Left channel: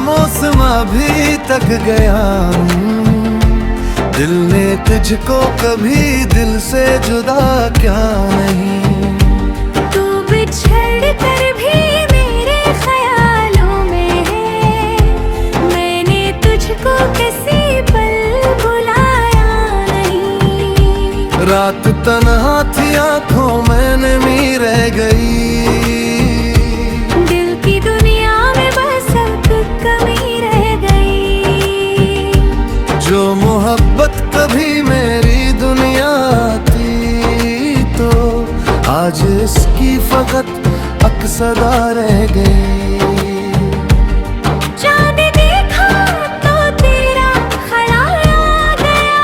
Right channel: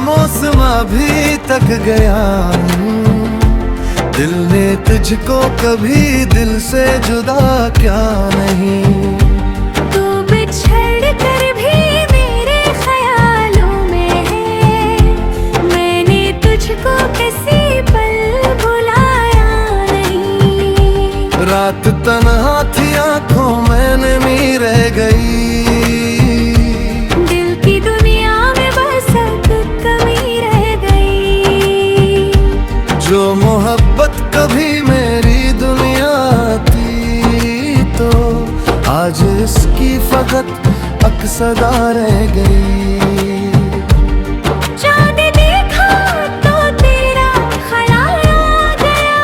मौसम अभी तक गया नहीं, दिल ने तुझको कभी दिल से जुदा क्या नहीं। तू बिछड़ कर भी मेरे ख्यालों में है, मैंने तुझको किसी पल भुलाया नहीं। रात तन्हा थी आंखों में नमी रह गई, दिल की दुनिया में बस अब कमी रह गई। जो मोहब्बत कभी मेरी दुनिया थी तो आज इसकी फकत अक्सदा रह गई। चांद देखा तो तेरा ख्याल आ गया,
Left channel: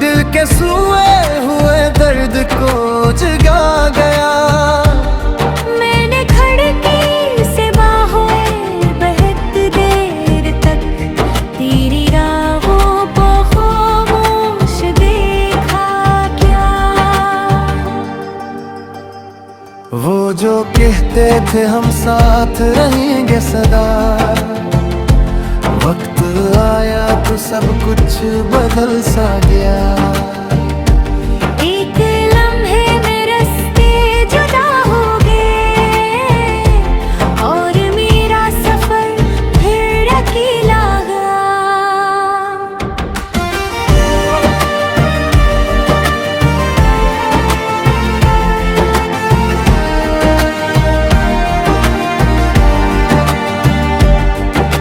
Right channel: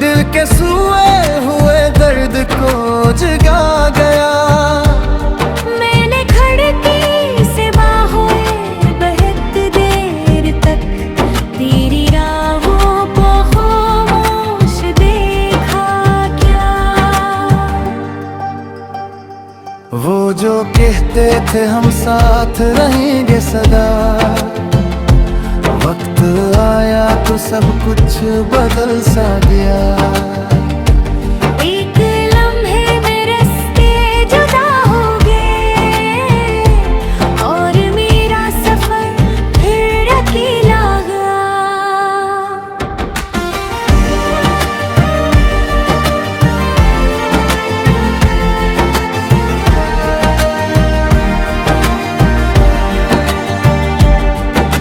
दिल के सोए हुए दर्द को जगा गया। मैंने खिड़की से बाहों बहत देर तक तेरी राहों को खामोश देखा क्या। वो जो कहते थे हम साथ रहेंगे सदा, वक्त आया तो सब कुछ बदल सा गया। एक लम्हे में रास्ते जुदा हो गए और मेरा सफर फिर अकेला गया।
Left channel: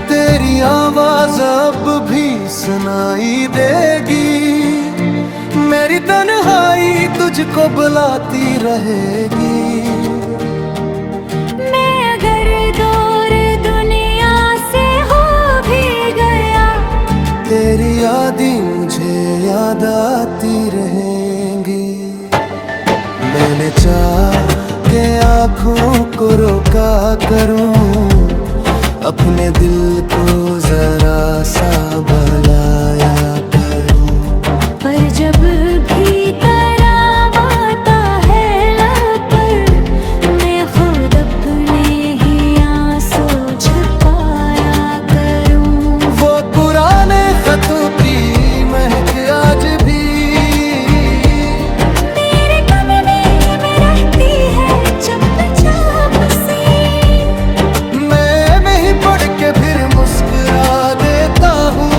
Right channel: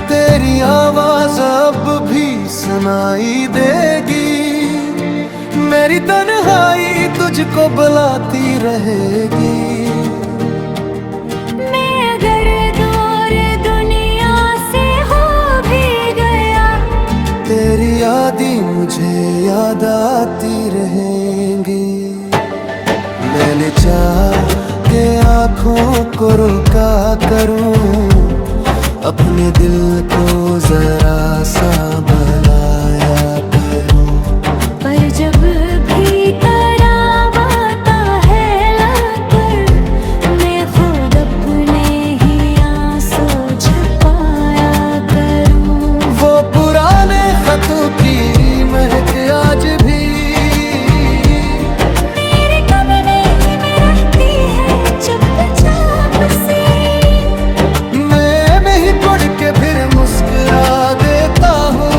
तेरी आवाज अब भी सुनाई देगी, मेरी तन्हाई तुझको बुलाती रहेगी। मैं अगर दूर दुनिया से हो भी गया, तेरी यादें मुझे याद आती रहेंगी। मैंने चाह के आँखों को रोका करूं, अपने दिल को जरा सा भलाया करूं। पर जब भी तराव आता है लब पर, मैं खुद अपने ही आंसू छुपाया करूं। वो पुराने खतों की महक आज भी मेरे कमरे में रहती है चुपचाप सी, मैं ही पढ़ के फिर मुस्कुरा देता हूँ।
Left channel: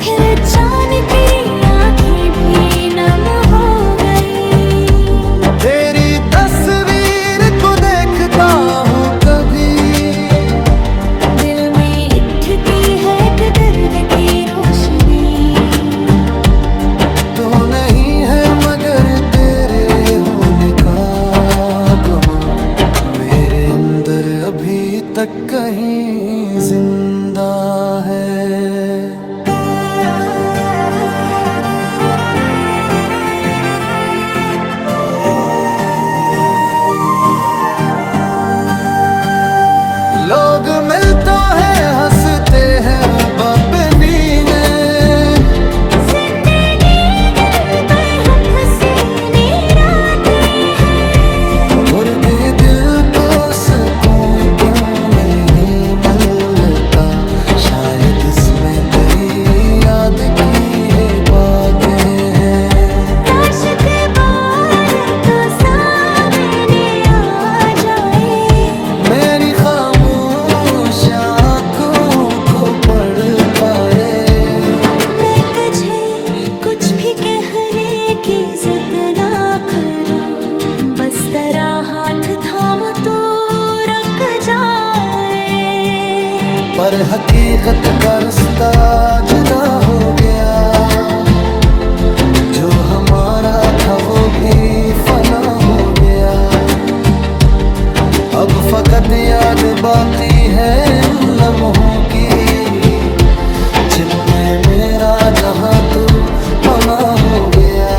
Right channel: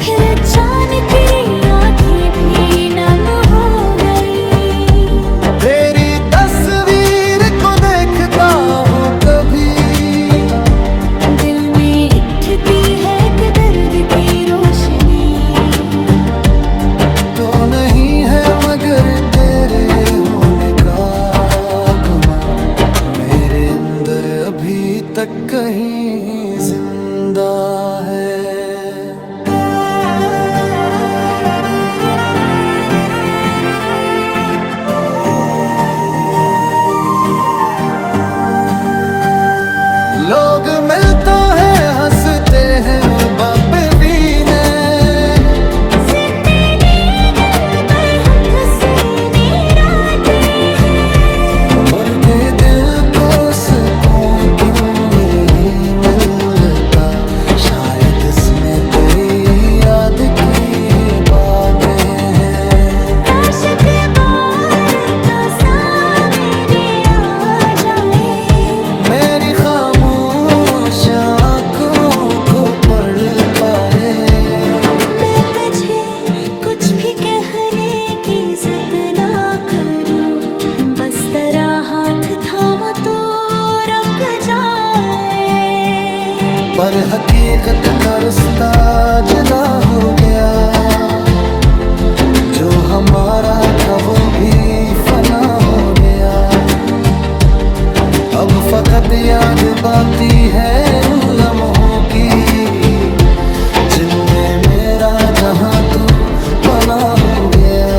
फिर अचानक तेरी आँखें भी नम हो गई। तेरी तस्वीर को देखता हूँ कभी, दिल में उठती है एक दर्द की रोशनी। तो नहीं है मगर तेरे होने का गुमा, मेरे अंदर अभी तक कहीं जिंदा है। लोग मिलता है हंसते हैं बाप बीने, जिंदगी दिल पर हसीने रातें हैं। उनके दिल को सुकून क्यों नहीं मिलता, शायद इसमें तेरी याद की है बातें हैं। काश के बार तो सामने आ जाए, मेरी खामोश आँखों को पढ़ पाए। मैं तुझे कुछ भी कहने की जिद ना करूं, बस तेरा हाथ थाम तो रुक जाए। पर हकीकत का रास्ता जुदा हो गया, जो हमारा था वो भी फना हो गया। अब फकत याद बाकी है इन लम्हों की, जिनमें मेरा जहां तू पना हो गया।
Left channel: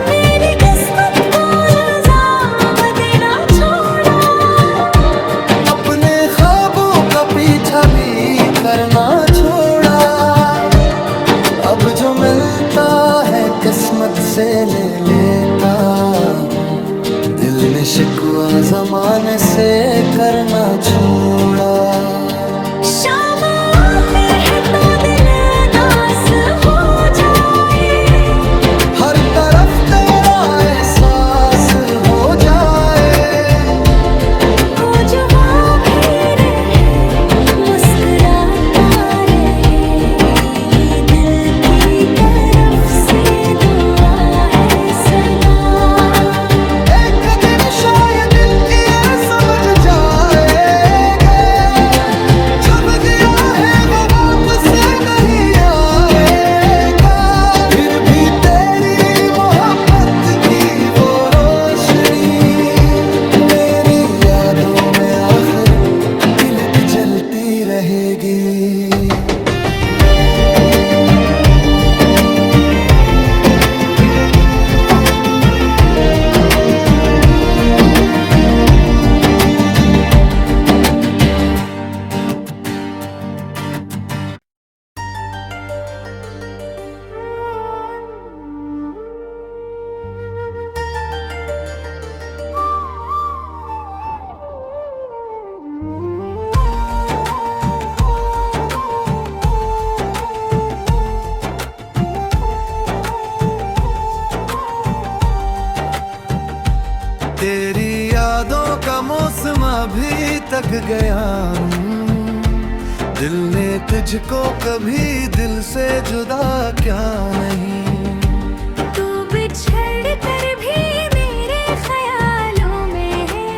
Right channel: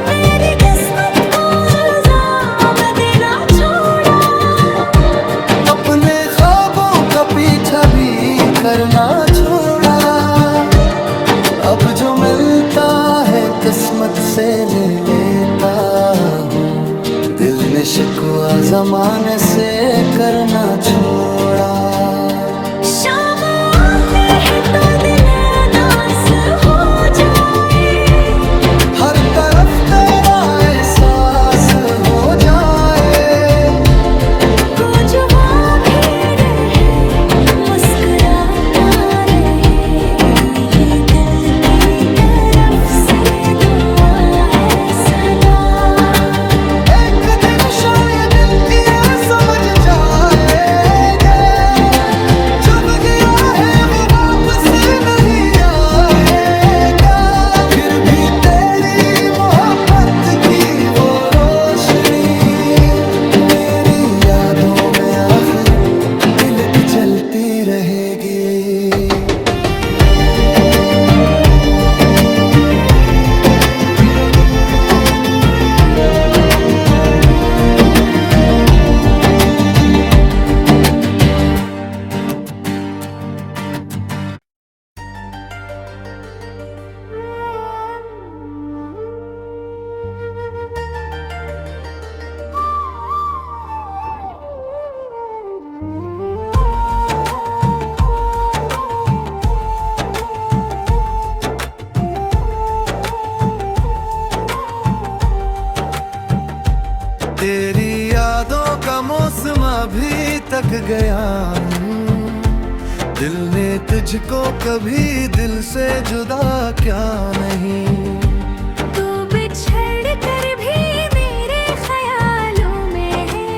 मेरी किस्मत को इल्जाम देना छोड़ा, अपने ख्वाबों का पीछा भी करना छोड़ा। अब जो मिलता है किस्मत से ले लेता हूँ, दिल ने शिकवा जमाने से करना छोड़ा। शाम आती है तो दिल उदास हो जाए, हर तरफ तेरा एहसास हो जाए। कुछ वहाँ भी रहे, मुस्कुराता रहे, यही दिल की तरफ से दुआ है सदा। एक दिन शायद ये समझ जाएंगे, जब गया है वो वापस नहीं आएगा। फिर भी तेरी मोहब्बत की वो रोशनी मेरी यादों में आखिर तिलक जलती रहेगी। तेरी यादों का मौसम अभी तक गया नहीं। दिल ने तुझको कभी दिल से जुदा क्या नहीं। तू बिछड़ कर भी मेरे ख्यालों में है,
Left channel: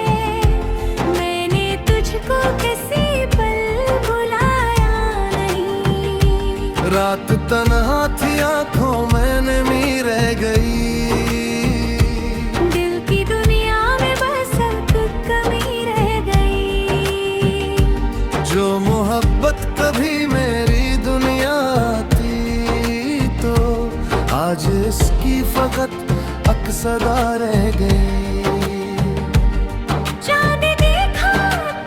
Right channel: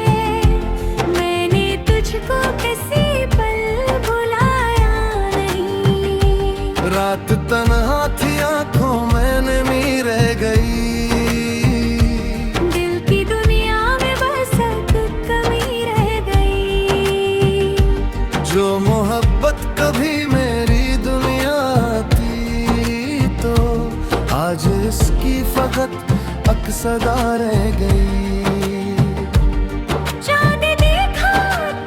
मैंने तुझको किसी पल भुलाया नहीं। रात तन्हा थी आंखों में नमी रह गई, दिल की दुनिया में बस एक कमी रह गई। जो मोहब्बत कभी मेरी दुनिया थी तो आज इसकी फकत अक्सदा रह गई। चांद देखा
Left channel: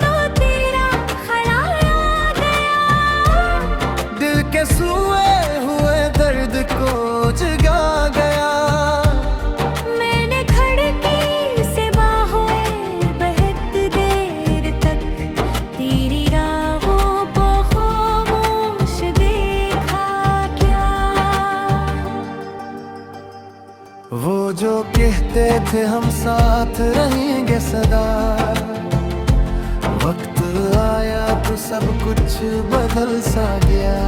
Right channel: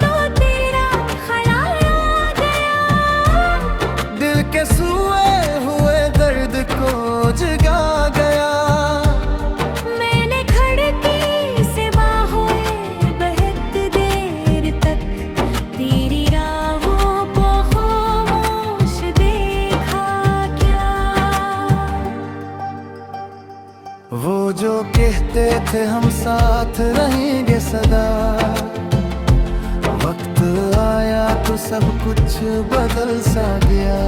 तो तेरा ख्याल आ गया, दिल के सोए हुए दर्द को जगा गया। मैंने खिड़की से बाहों बहत देर तक तेरी राहों को खामोश देखा क्या। वो जो कहते थे हम साथ रहेंगे सदा, वक्त आया तो सब कुछ बदल सा गया।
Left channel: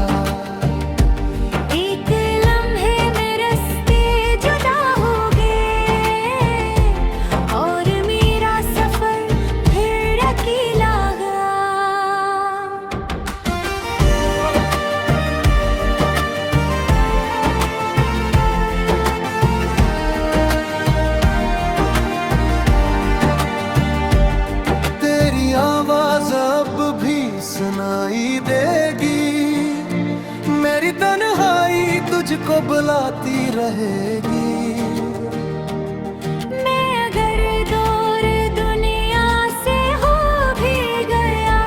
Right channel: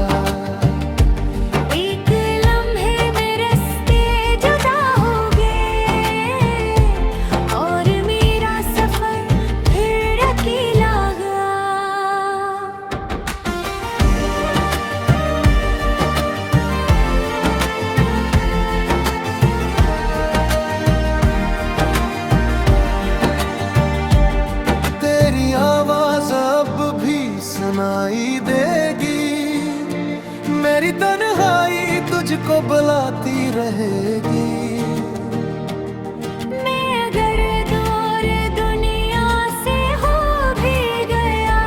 एक लम्हे में रास्ते जुदा हो गए और मेरा सफर फिर अकेला गया। तेरी आवाज अब भी सुनाई देगी, मेरी तन्हाई तुझको बुलाती रहेगी। मैं अगर दूर दुनिया से हो भी गया,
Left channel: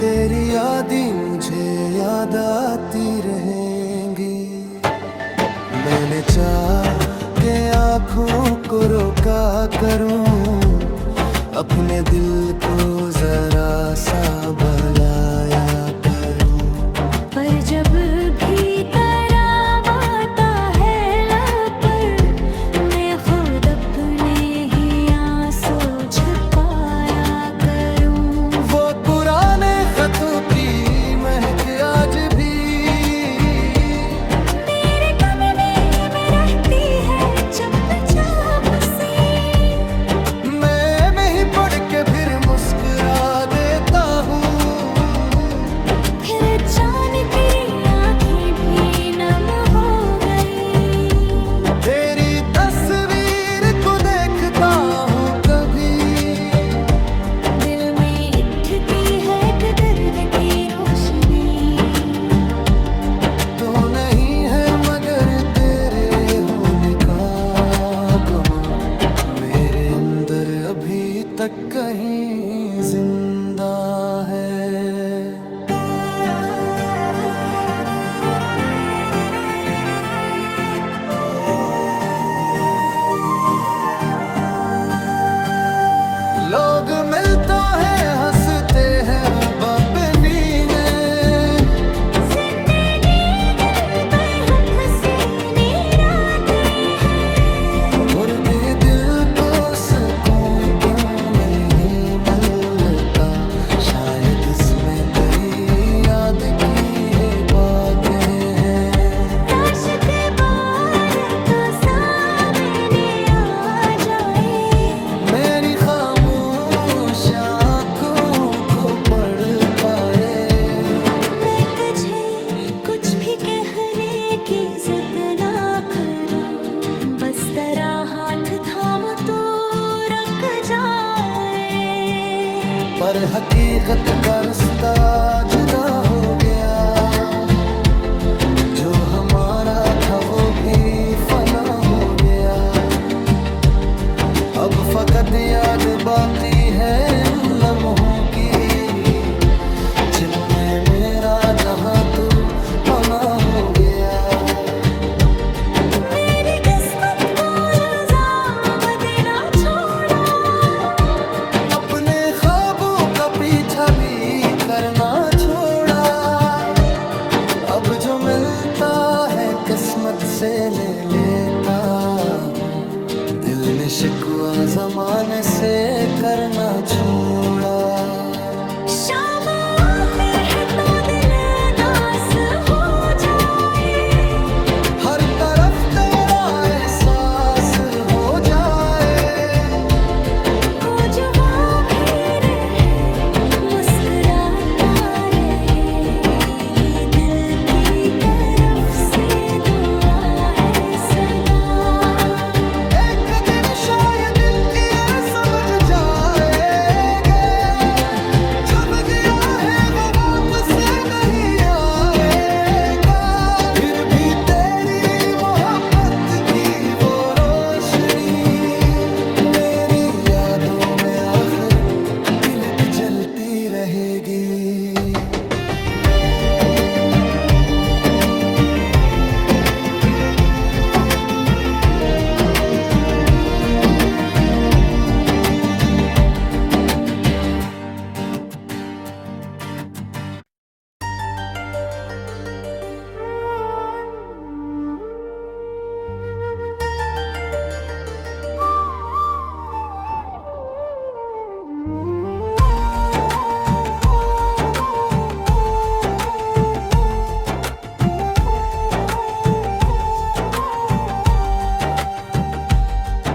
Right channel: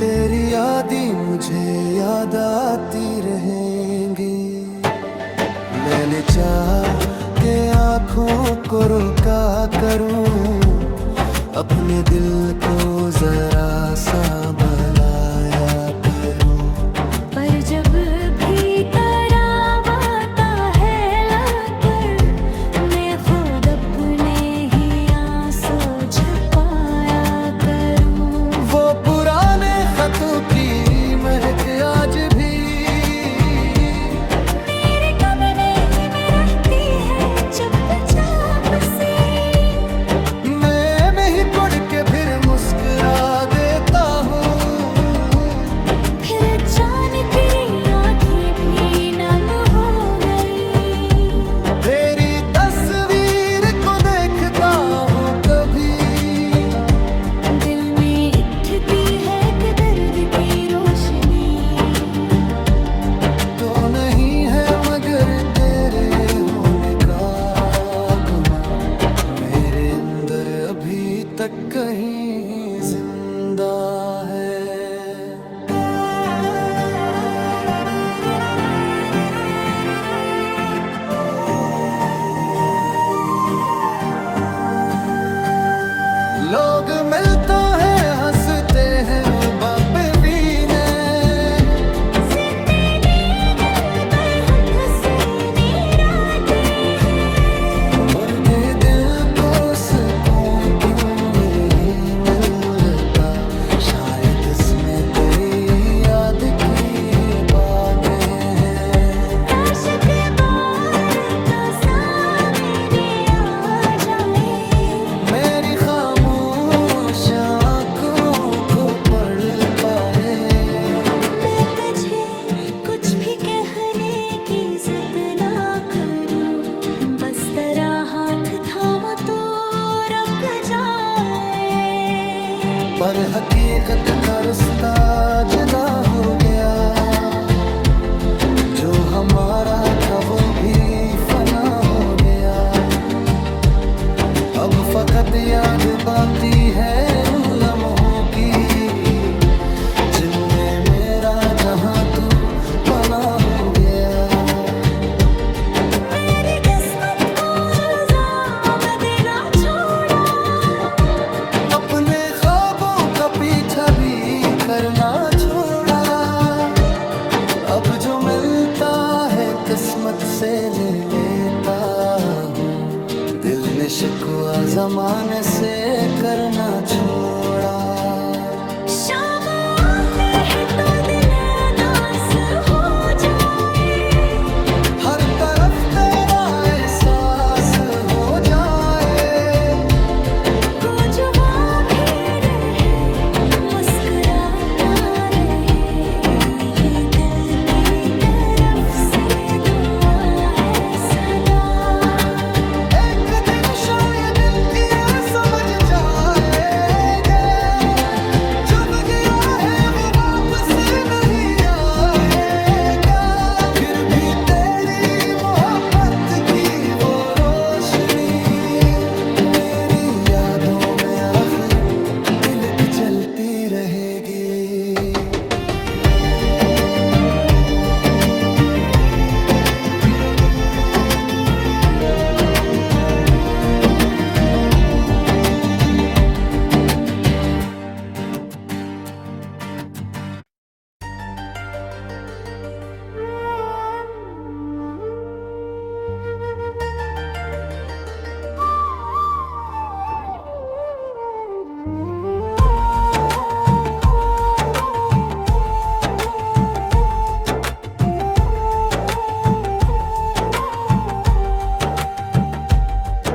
तेरी यादें मुझे याद आती रहेंगी। मैंने चाह के आँखों को रोका करूं, अपने दिल को जरा सा बलाया करूं। पर जब भी तराव आता है लब पर, मैं खुद अपने ही आंसू छुपाया करूं। वो पुराने खतों की महक आज भी मेरे कमरे में रहती है चुपचाप से, मैं ही पढ़ के फिर मुस्कुरा देता हूँ। फिर अचानक तेरी आँखें भी नम हो गई। तेरी तस्वीर को देखता हूँ कभी, दिल में उठती है एक दर्द की रोशनी। तो नहीं है मगर तेरे होने का गुमा, मेरे अंदर अभी तक कहीं जिंदा है। लोग मिलता है हंसते हैं बाप बीने जिंदगी दिल पर हसीने रातें हैं उड़ते दिल को सुकून क्यों नहीं मिलता शायद इसमें तेरी याद की है बातें हैं काश के बार तो सामने आ जाए मेरी खामोश आँखों को पढ़ पाए मैं तुझे कुछ भी कहने की जिद ना करूं बस तेरा हाथ थाम तो रुक जाए पर हकीकत का रास्ता जुदा हो गया जो हमारा था वो भी फना हो गया अब फकत याद बाकी है इन लम्हों की जिनमें मेरा जहां तू पना हो गया मेरी किस्मत को इल्जाम देना छोड़ा अपने ख्वाबों का पीछा भी करना छोड़ा अब जो मिलता है किस्मत से ले लेता हूँ दिल में शिकवा जमाने से करना छोड़ा शाम आती है तो दिल उदास हो जाए हर तरफ तेरा एहसास हो जाए को जुआ भी रहे मुस्कुराता रहे यही दिल की तरफ से दुआ है सदा एक दिन शायद ये समझ जाएंगे जब गया है वो वापस नहीं आएगा फिर भी तेरी मोहब्बत की वो रोशनी मेरी यादों में आखिर तिलक जलती रहेगी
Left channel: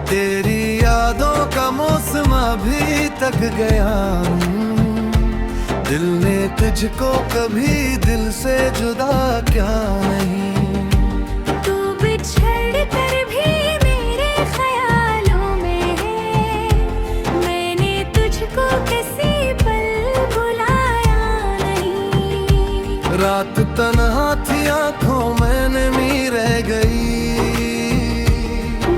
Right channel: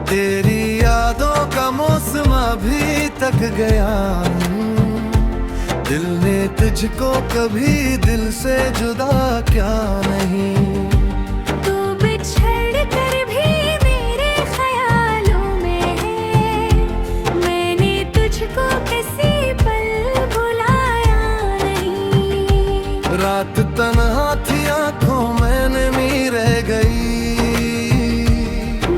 तेरी यादों का मौसम अभी तक गया दिल ने तुझको कभी दिल से जुदा क्या नहीं तू बिछड़ कर भी मेरे ख्यालों में है मैंने तुझको किसी पल भुलाया नहीं रात तन्हा थी आंखों में नमी रह गई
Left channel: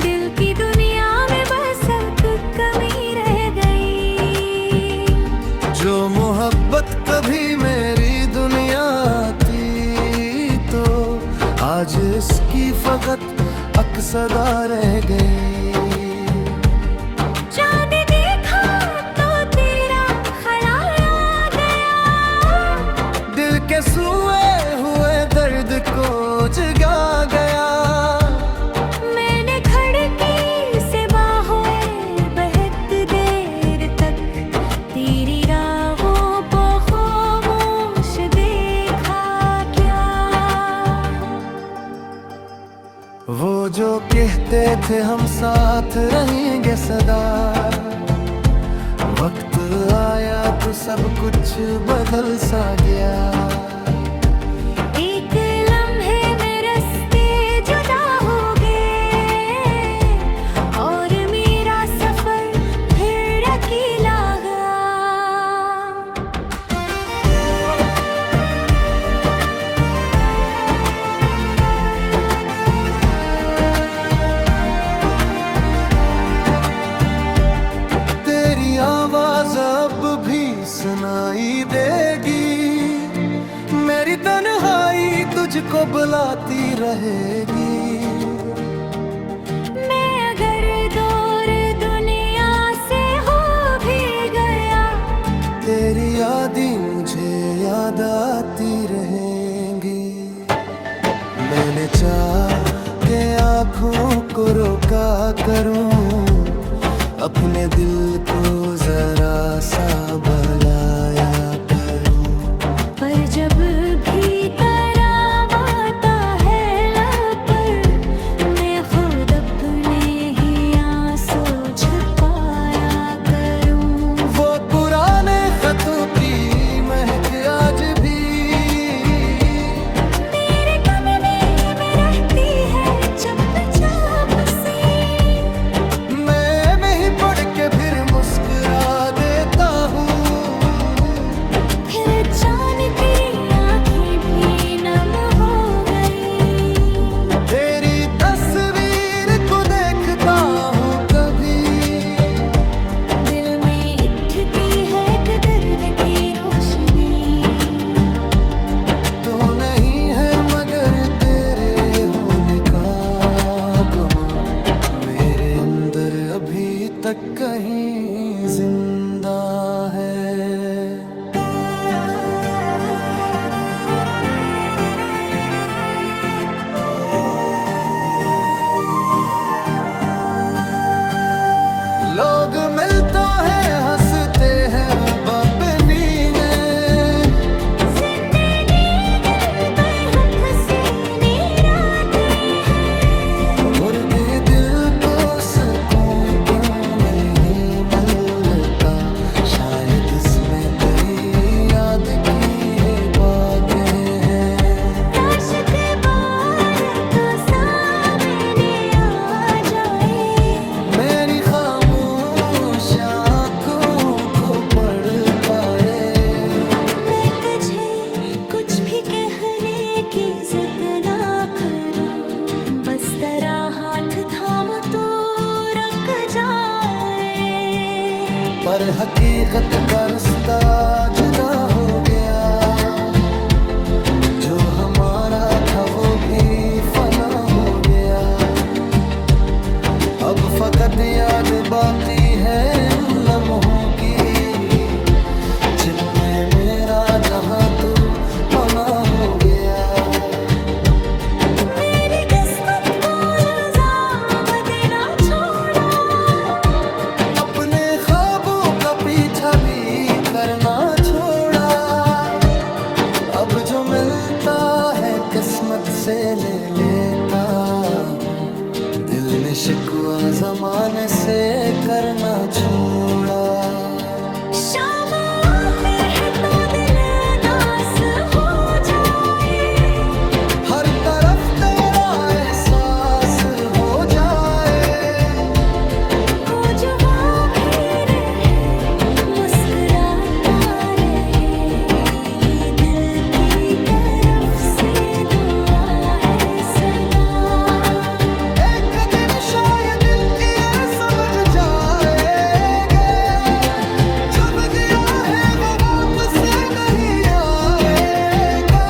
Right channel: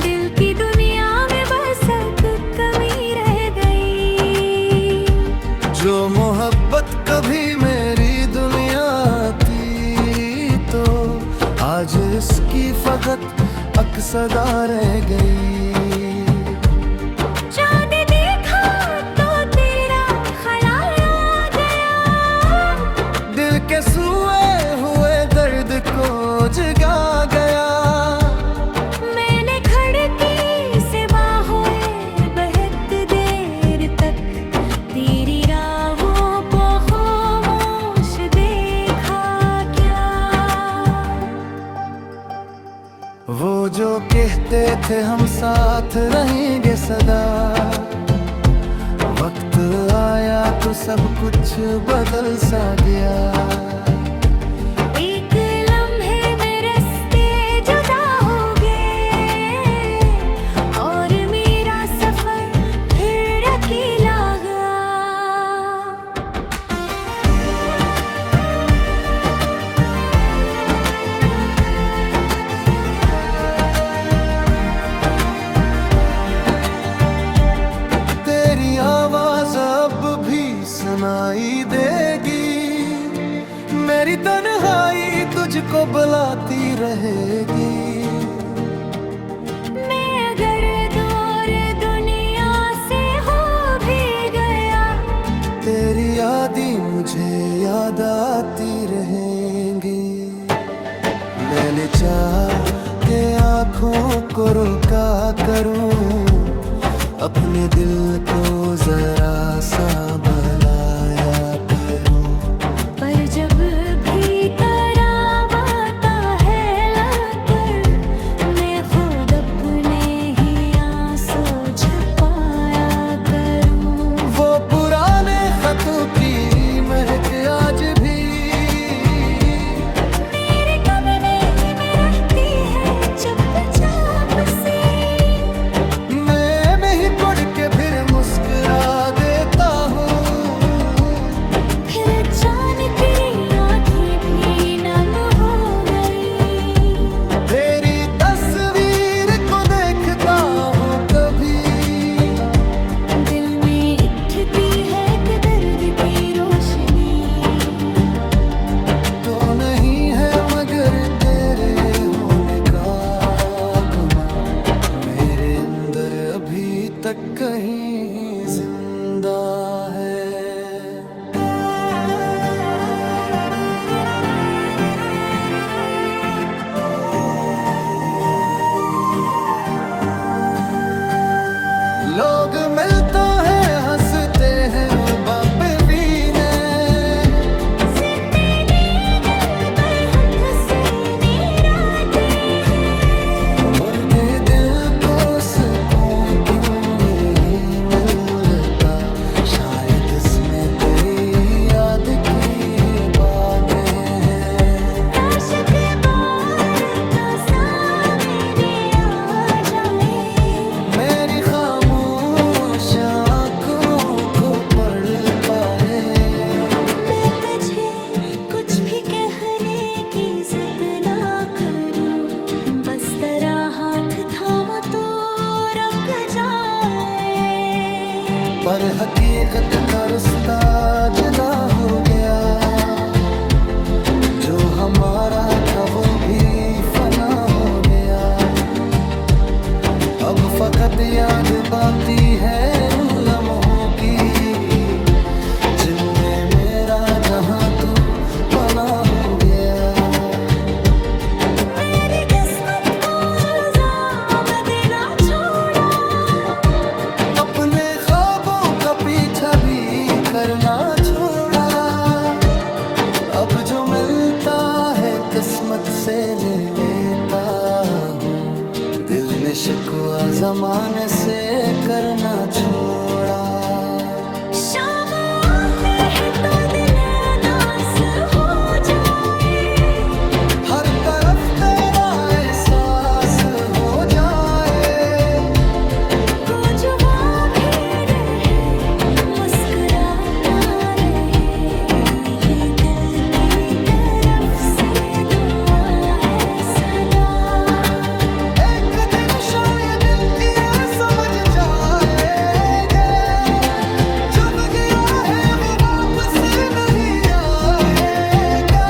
दिल की दुनिया में बस एक कमी रह गई जो मोहब्बत कभी मेरी दुनिया थी तो आज इसकी फकत अक्सदा रह गई चांद देखा तो तेरा ख्याल आ गया दिल के सोए हुए दर्द को जगा गया मैंने खिड़की से बाहों बहत देर तक तेरी राहों को खामोश देखा क्या वो जो कहते थे हम साथ रहेंगे सदा वक्त आया तो सब कुछ बदल सा गया एक लम्हे में रास्ते जुदा हो गए और मेरा सफर फिर अकेला गया तेरी आवाज अब भी सुनाई देगी मेरी तन्हाई तुझको बुलाती रहेगी मैं अगर दूर दुनिया से हो भी यादें मुझे याद आती रहेंगी। मैंने चाह के आँखों को रोका करूं, अपने दिल को जरा सा भलाया करूं। पर जब भी तराव आता है लब पर, मैं खुद अपने ही आंसू छुपाया करूं। वो पुराने खतों की महक आज भी मेरे कमरे में रहती है चुपचाप से। मैं ही पढ़ के फिर मुस्कुरा देता हूँ। फिर अचानक आँखें भी नम हो गई। तेरी तस्वीर को देखता हूँ कभी, दिल में उठती है एक दर्द की रोशनी। तो नहीं है मगर तेरे होने का गुमा, मेरे अंदर अभी तक कहीं जिंदा है। लोग मिलता है हंसते हैं बाप मीने, और दे दिल को सुकून क्यों नहीं मिलता। शायद इसमें तेरी याद की है बातें हैं। मेरी खामोश आँखों को पढ़ पाए। मैं तुझे कुछ भी कहने की जिद ना करूं, बस तेरा हाथ थाम तो रुक जाए। पर हकीकत का रास्ता जुदा हो गया, जो हमारा था वो भी फना हो गया। अब फकत याद बाकी है इन लम्हों की, जिनमें मेरा जहां तू पना हो गया। मेरी किस्मत को इल्जाम देना छोड़ा, अपने ख्वाबों का पीछा भी करना छोड़ा। अब जो मिलता है किस्मत से ले लेता हूँ, दिल में शिकवा जमाने से करना छोड़ा। शाम आती है तो दिल उदास हो जाए, हर तरफ तेरा एहसास हो जाए। कुछ भी रहे मुस्कुराता रहे, यही दिल की तरफ से दुआ है सदा। एक दिन शायद ये समझ जाएंगे, जब गया है वो वापस नहीं आएगा।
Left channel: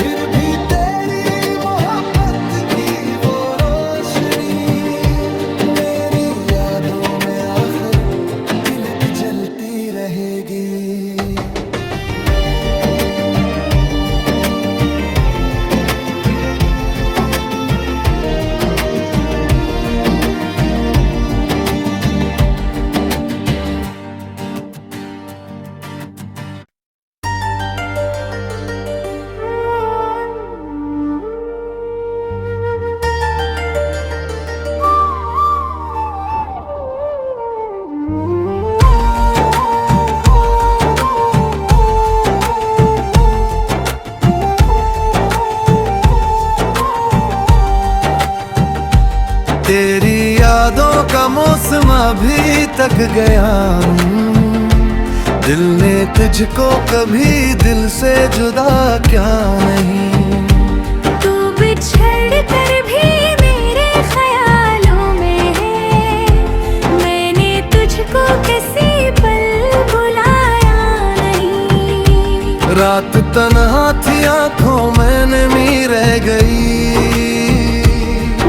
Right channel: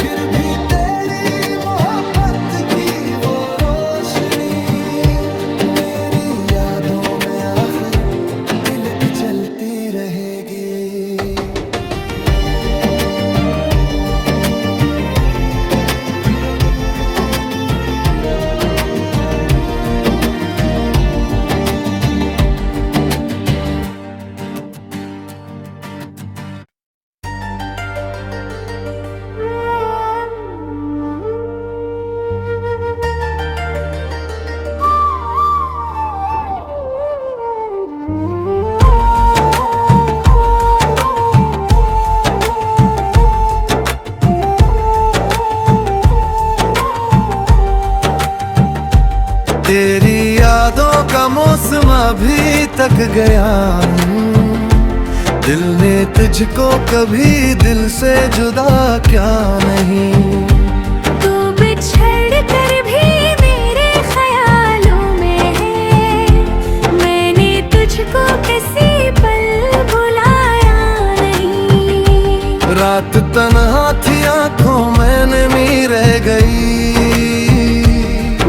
फिर भी तेरी मोहब्बत की वो रोशनी मेरी यादों में आखिर तिलक जलती रहेगी। तेरी यादों का मौसम अभी तक गया नहीं, दिल ने तुझको कभी दिल से जुदा क्या नहीं। तू बिछड़ कर भी मेरे ख्यालों में है, मैंने तुझको किसी पल भुलाया नहीं। रात तन्हा थी आंखों में नमी रह गई,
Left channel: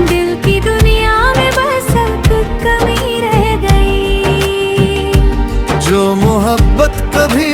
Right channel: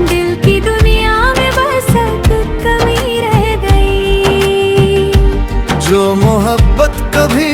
दिल की दुनिया में बस एक कमी रह गई। जो मोहब्बत कभी